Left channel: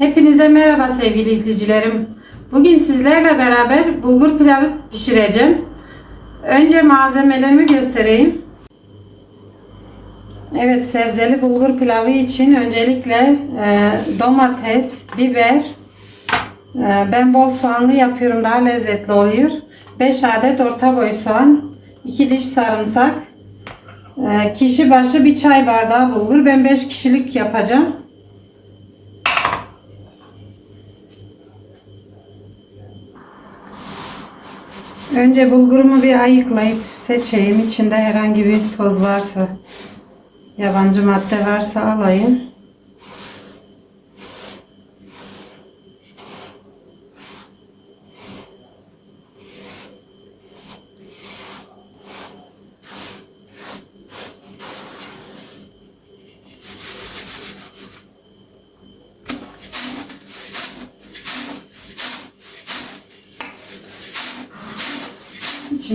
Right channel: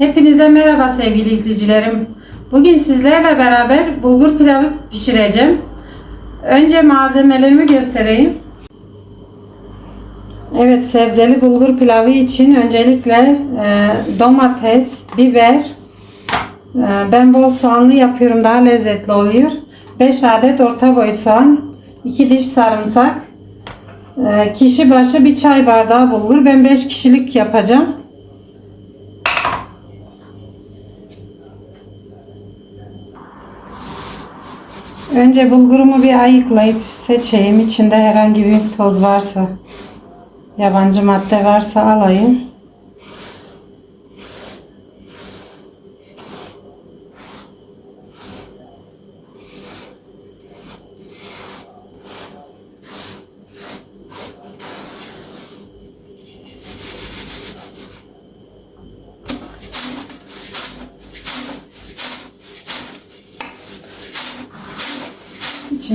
Hepinize merhaba sevgili izleyicilerim. Bugün sizlerle beraber bulgur pilavı pişireceğim. Önce malzemelerimi göstereyim. Evet sebzeli bulgur pilavı için öncelikle e, domates, biber, e, ben bol soğanlı yapıyorum daha lezzetli oluyor. 5 adet orta boy soğan, 2 diş sarımsak, e, kişi başı bir çay bardağı bulgur. Ben 5 kişilik yapacağım. Önce bulgurumu bir ayıklayıp seçeyim. İçinde herhangi bir toz varsa, yabancı madde varsa alayım.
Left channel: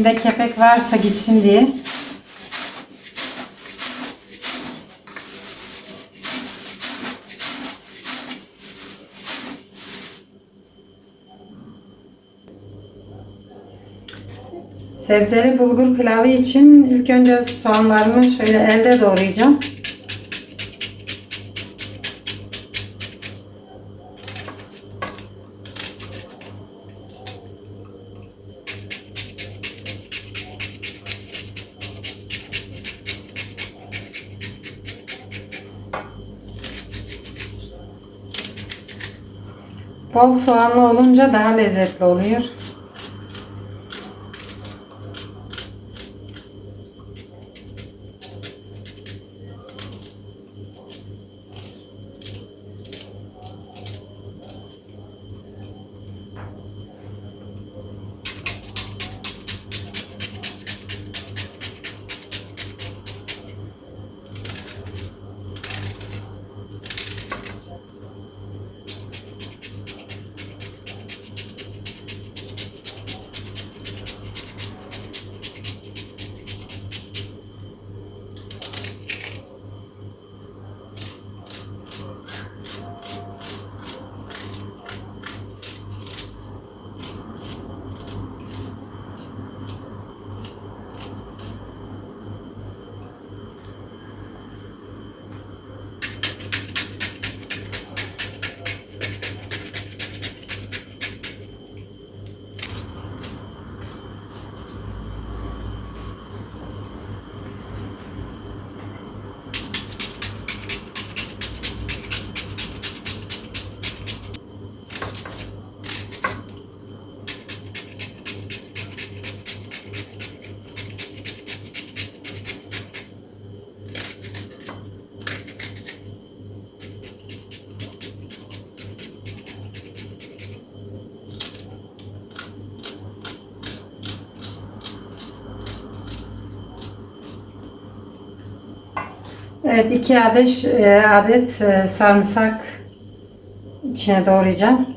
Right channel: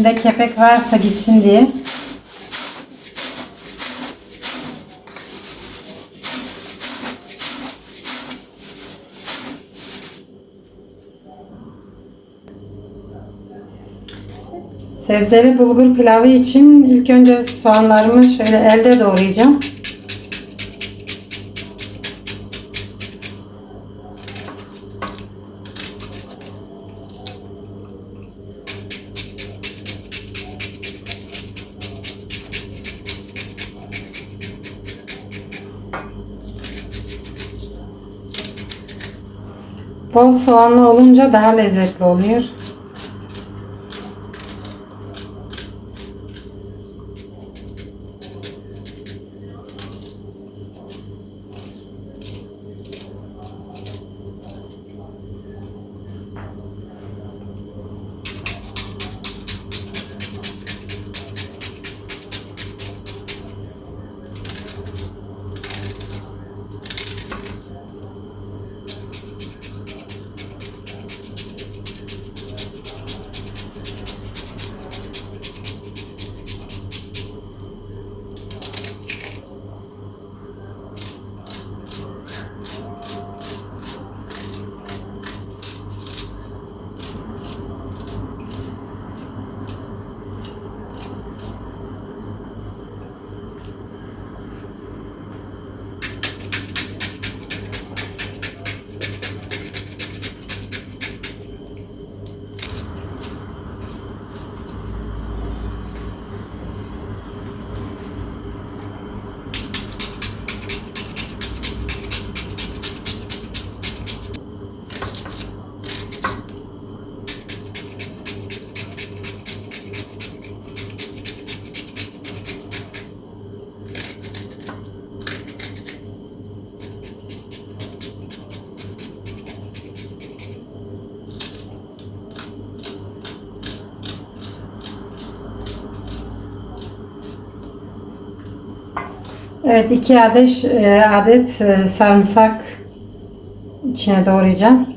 İçinde kepek varsa gitsin diye. Sebzeli bulgur pilavı için ilk önce soğanlarımı şöyle elde doğrayacağım. Bol soğanlı olunca daha lezzetli oluyor. Evet iki adet e, adet e, sarımsak içine doğrayacağım.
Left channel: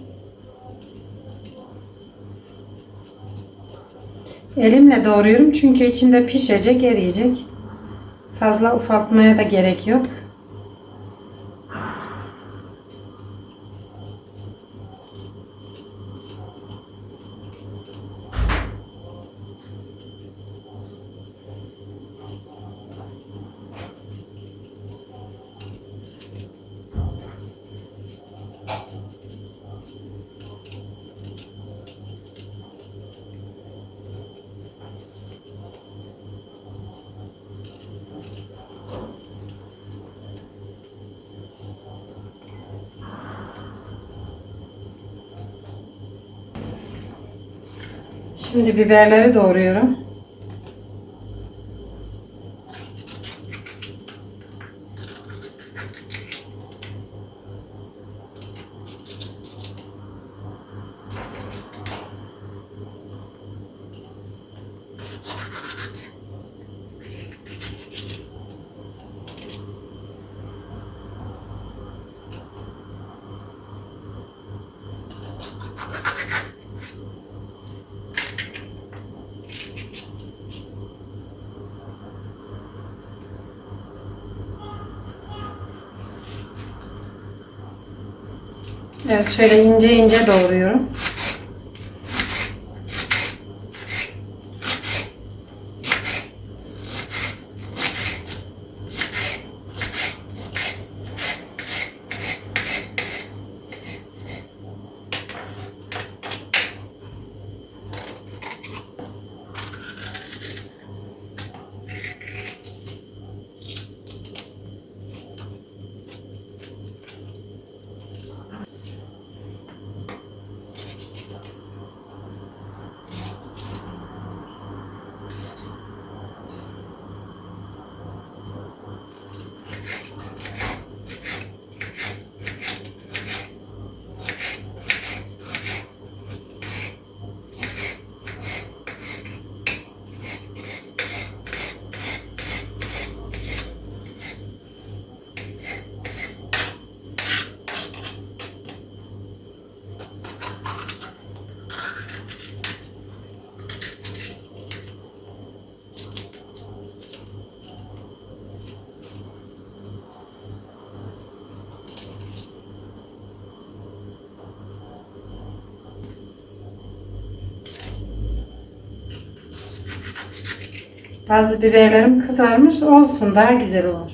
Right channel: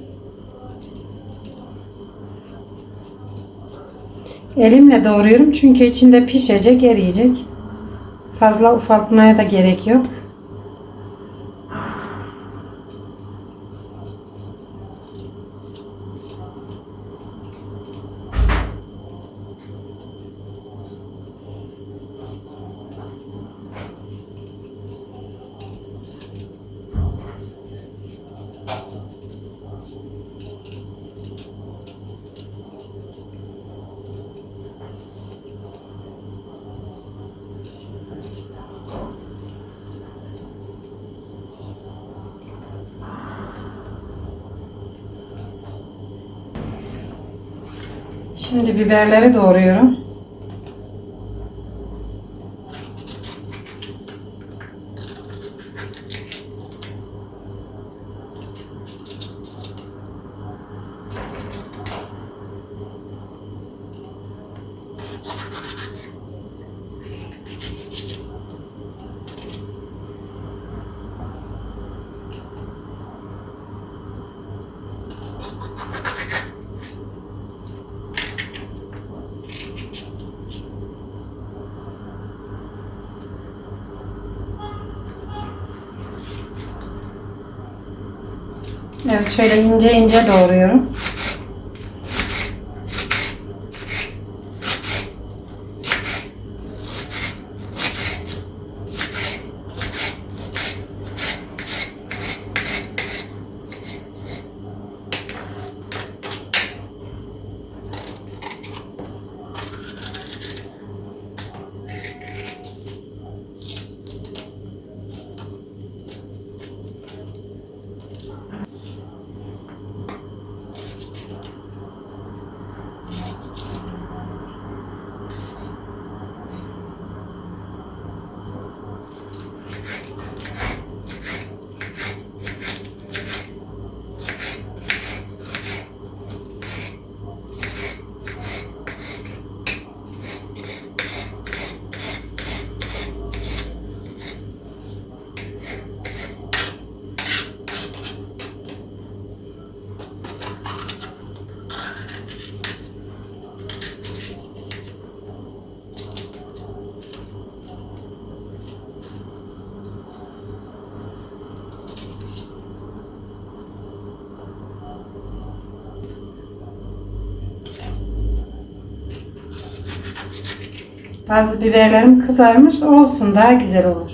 Elimle doğruyorum çünkü içinde pişecek, eriyecek. Fazla ufaltmaya da gerek yok. Şimdi biberleri doğruyorum. Evet şöyle ince ince doğruyorum. Bazı biberlerim kızarmış olsun daha güzel olur.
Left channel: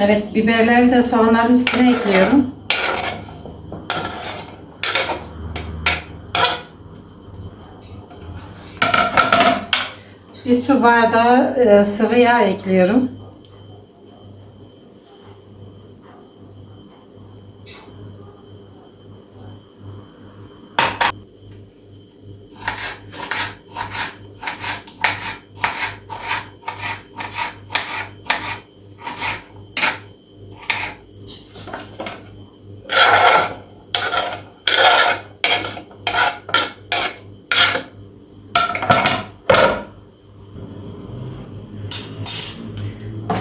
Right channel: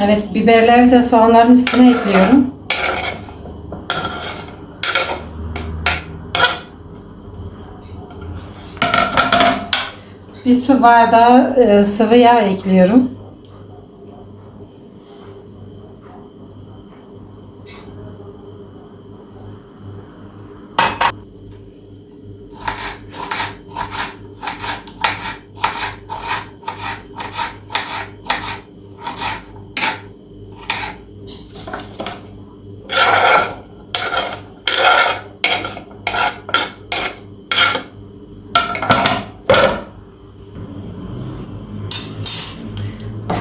Evet biberleri de soğanların üstüne ekliyorum. Bir su bardağı e, sıvı yağ ekliyorum.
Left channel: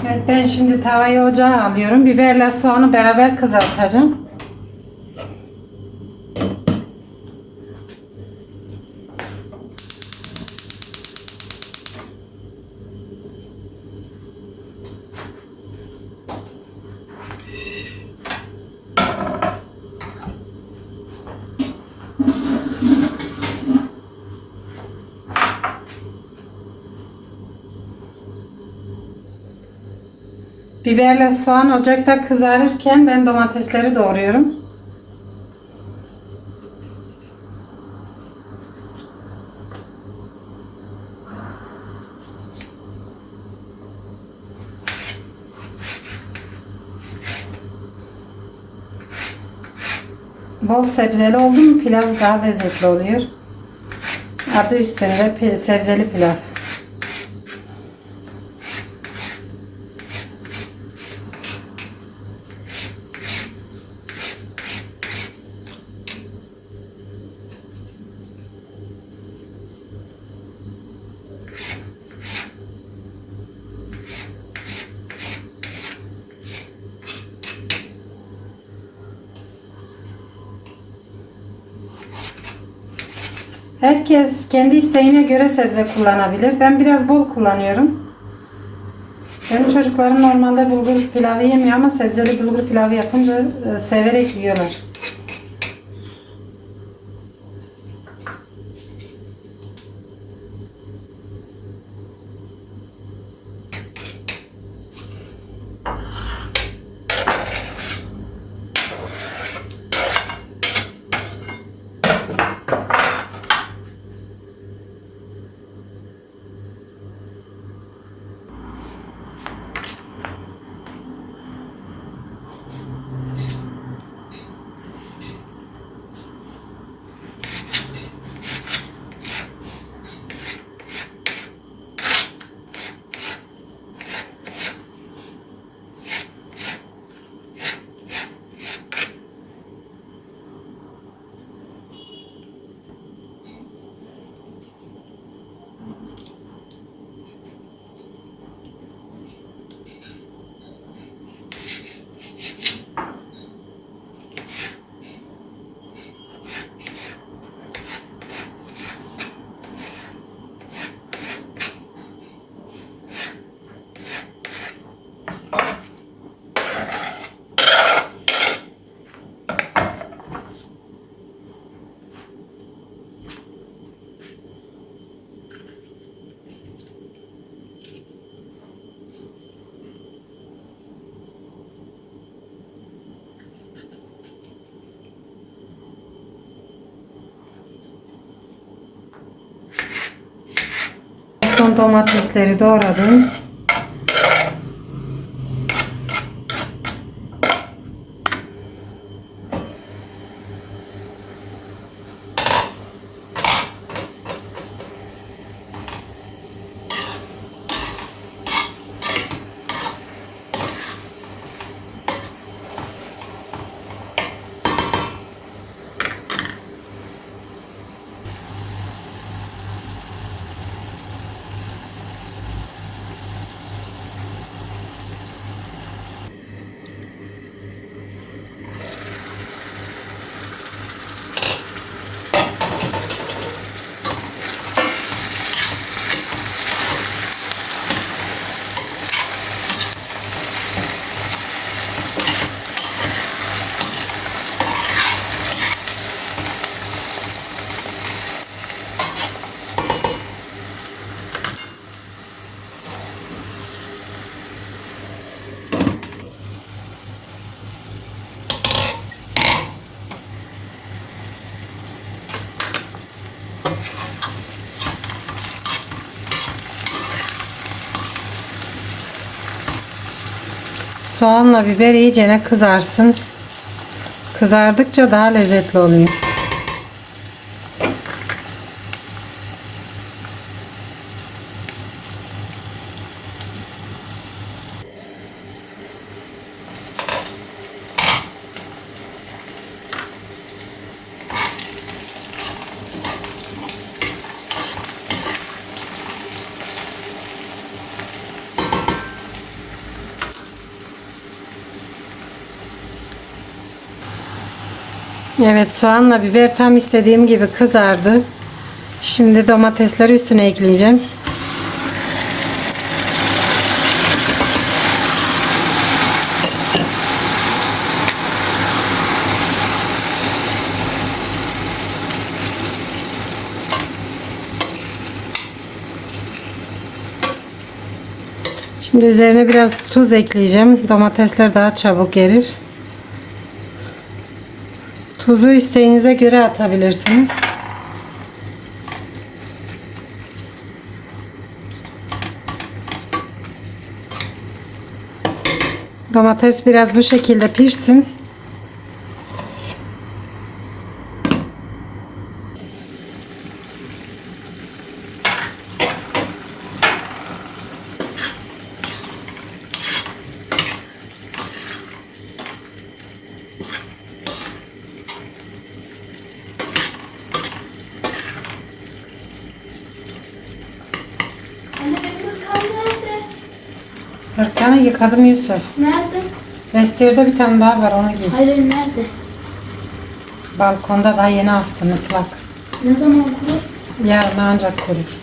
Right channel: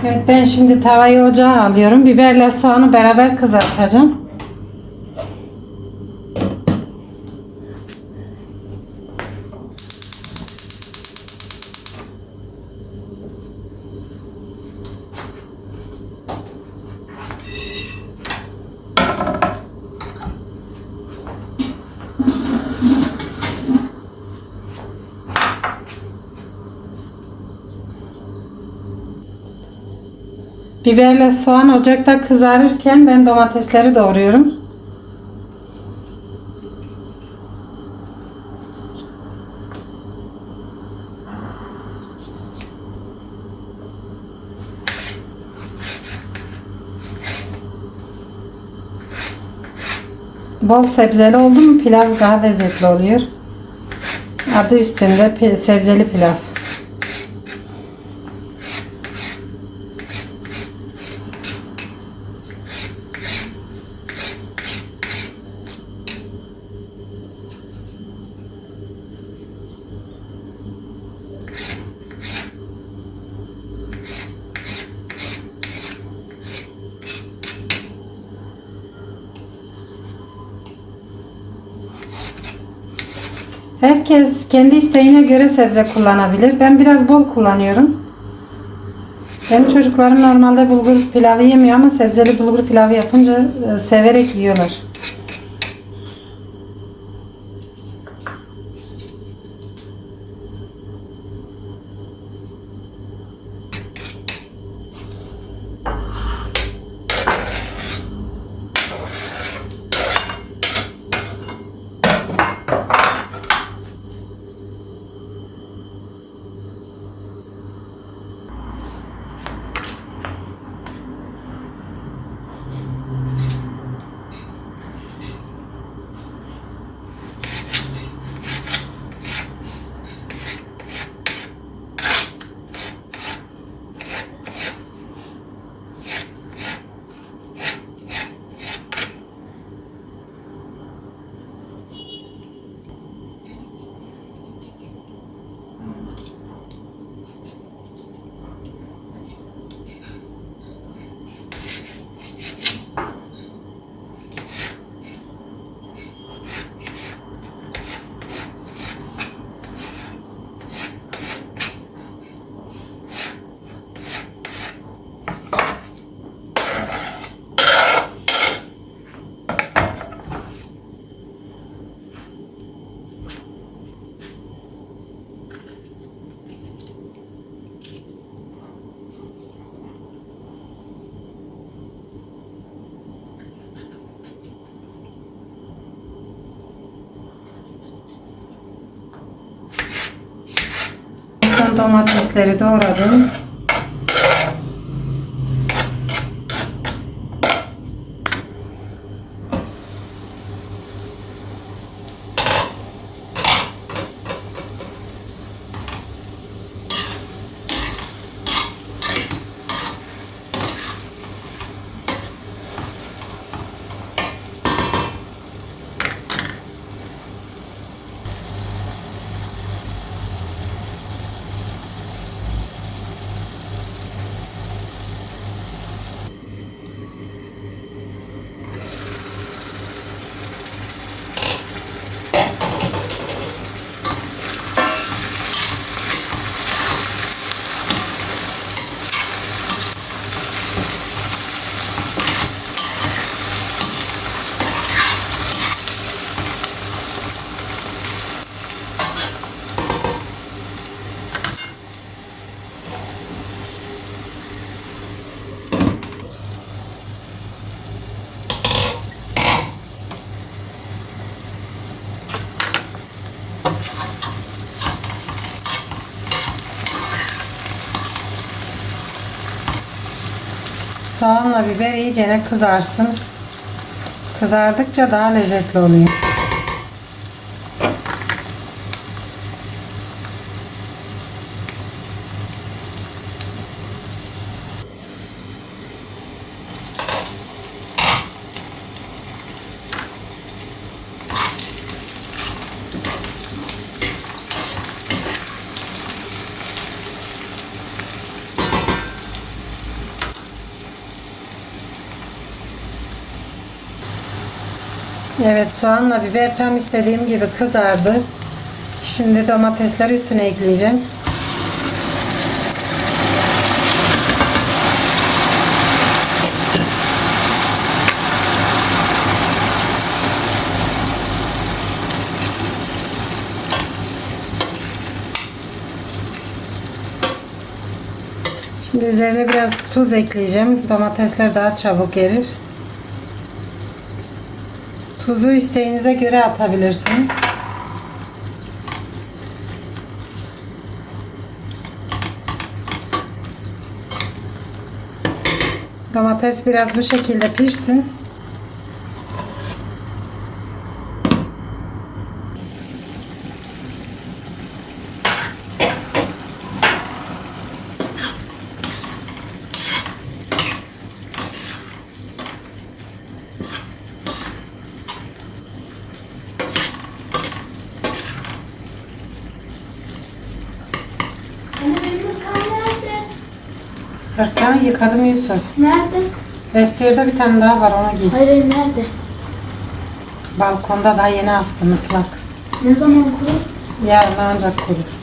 Evet ben şimdi tavayı ocağa alıyorum. Biberle soğanı beraber kızartacağım. Biberle soğan ocakta kızarırken ben domatesleri doğruyorum. Bol sebzeli oldu mu pilav daha lezzetli oluyor. Adı üstünde sebzeli pilav. Herkes kendi isteğine göre sebze kullanabilir. Ben biraz bol kullanıyorum. Benim çocuklarım normalde bulgur pilavı yemiyor ama sebzeli bulgur pilavı yapınca e, severek yiyorlar. Domatesleri doğradım. Soğanla biber iyicene kızarsın. Kızardıkça daha lezzetli oluyor. Evet soğanla biber tam istediğim gibi kızardı. Şimdi domatesleri üstüne ekleyeceğim. Şimdi üzerine biraz tuz ekleyeceğim. Domatesler daha çabuk erir. Tuzu isteğinize göre atabilirsiniz. Domates biraz bu şekilde pişsin. Hırkanı yıkadım Yusuf. Nerede? Vestiyerde bir tane daha var onu giy. Hayır nerede? Balkonda daha yeni astım ıslak. Ne zaman kurur? Yarın ancak kurur.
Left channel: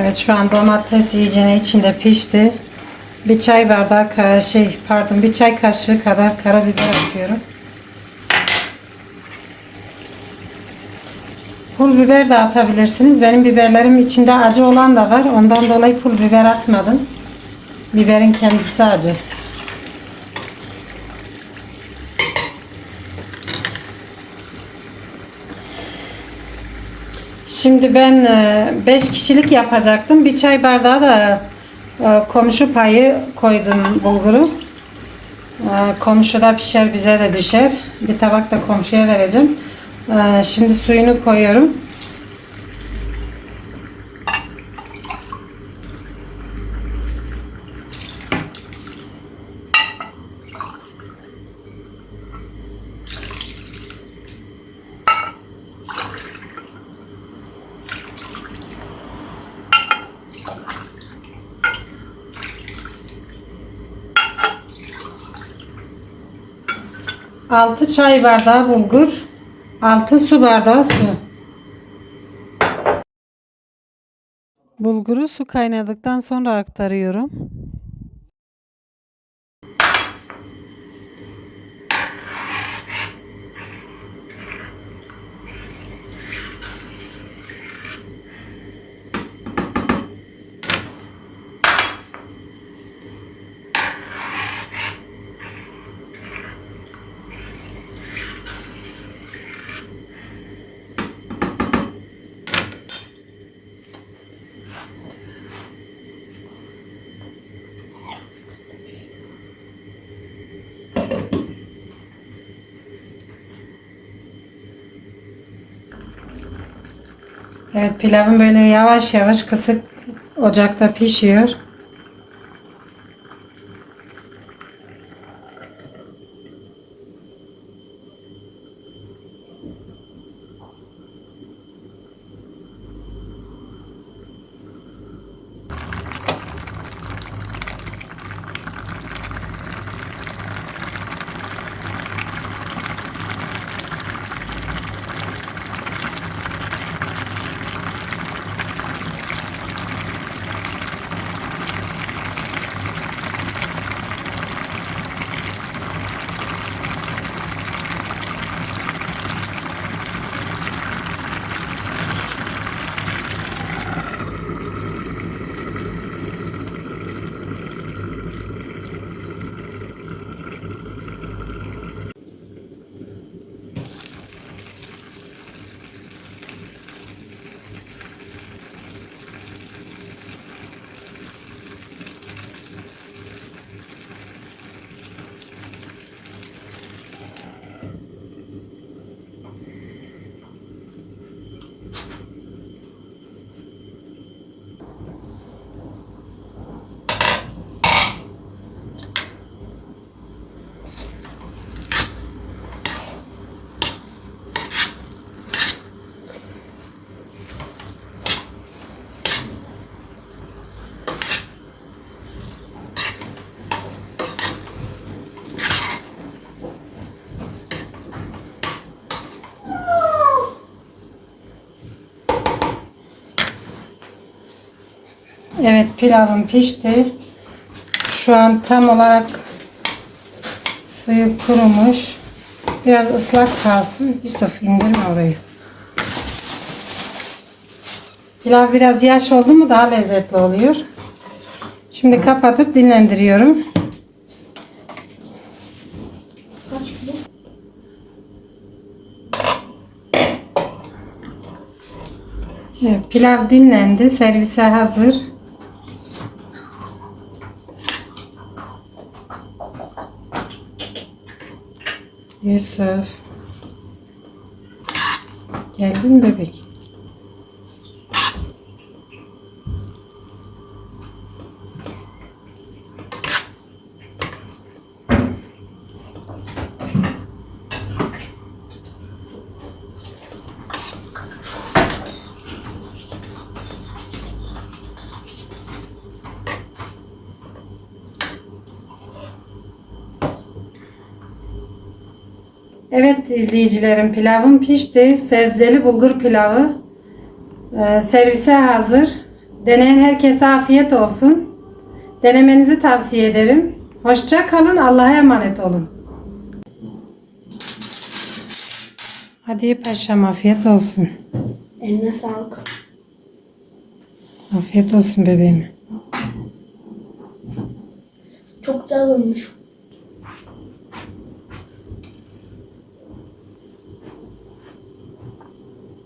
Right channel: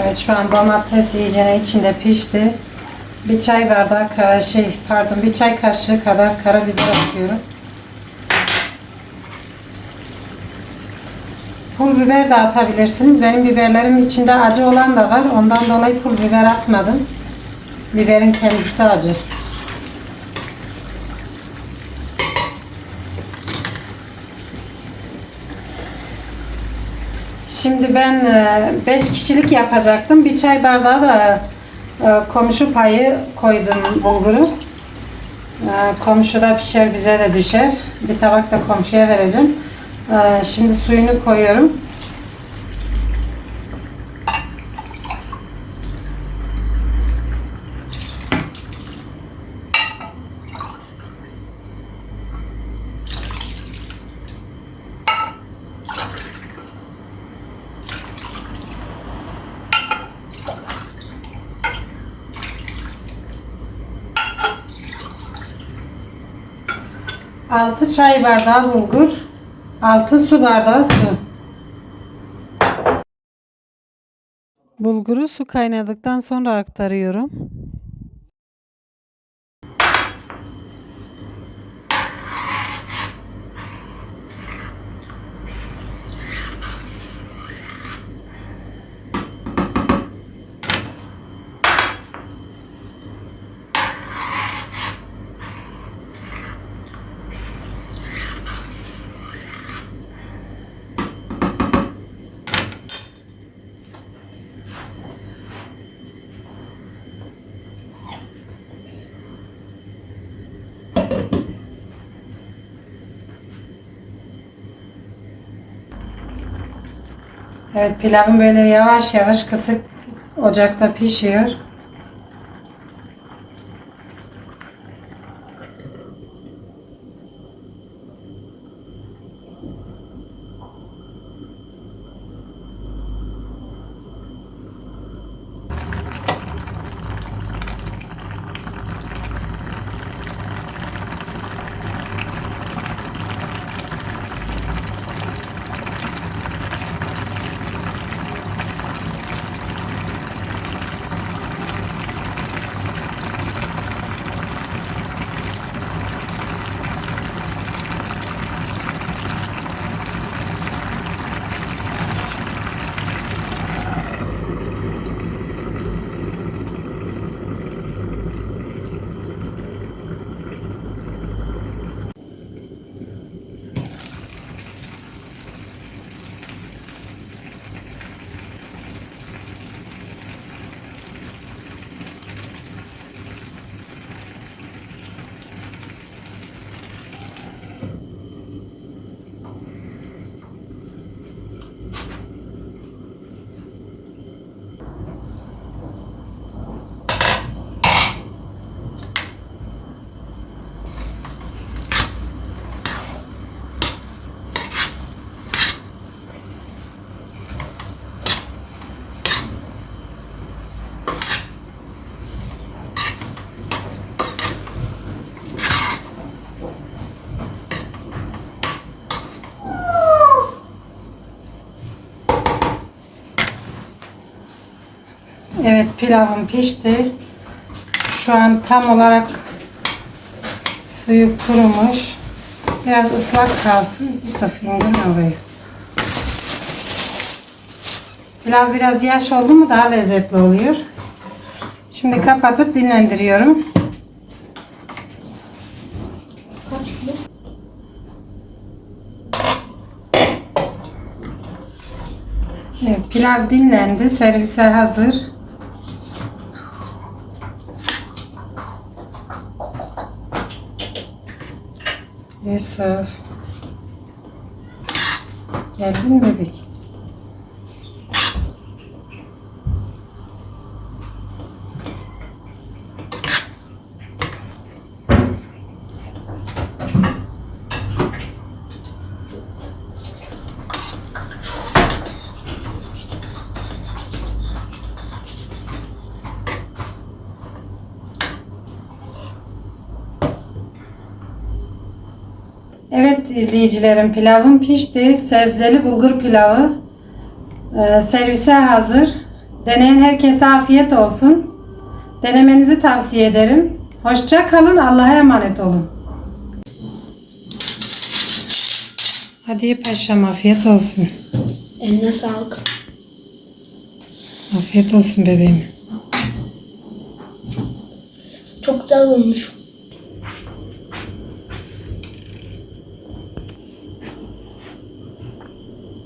Evet şu an domates iyicene içinde pişti. Bir çay bardağı şey pardon bir çay kaşığı kadar karabiber atıyorum. Pul biber de atabilirsiniz. Benim biberlerim içinde acı olan da var. Ondan dolayı pul biber atmadım. Biberin kendisi acı. Şimdi ben 5 kişilik yapacaktım. Bir çay bardağı da e, komşu payı koydum bulguru. E, Komşu da pişer bize de düşer. Bir tabak da komşuya vereceğim. E, Şimdi suyunu koyuyorum. 6 çay bardağı bulgur, 6 su bardağı su. Bulguru su kaynadıktan sonra aktarıyorum. Evet pilavım böyle yavaş yavaş kısık ocakta pişiyor. Evet pilavım pişti. Şu an tam olarak suyu kurumuş. Biraz ıslak kalsın. Yusuf indirme orayı. Pilav biraz yaş oldu mu daha lezzetli oluyor. Şimdi kapatıp dinlendiriyorum. Evet, pilav dinlendi. Servise hazır. Yusuf. Geldin mi bebek? Evet izleyicilerim pilavım pişti. Sebzeli bulgur pilavı e, servise hazır. Deneyen herkese afiyet olsun. Denemenizi tavsiye ederim. Hoşça kalın. Allah'a emanet olun. Hadi paşam afiyet olsun. Eline sağlık. Afiyet olsun bebeğim. Çok güzel olmuş.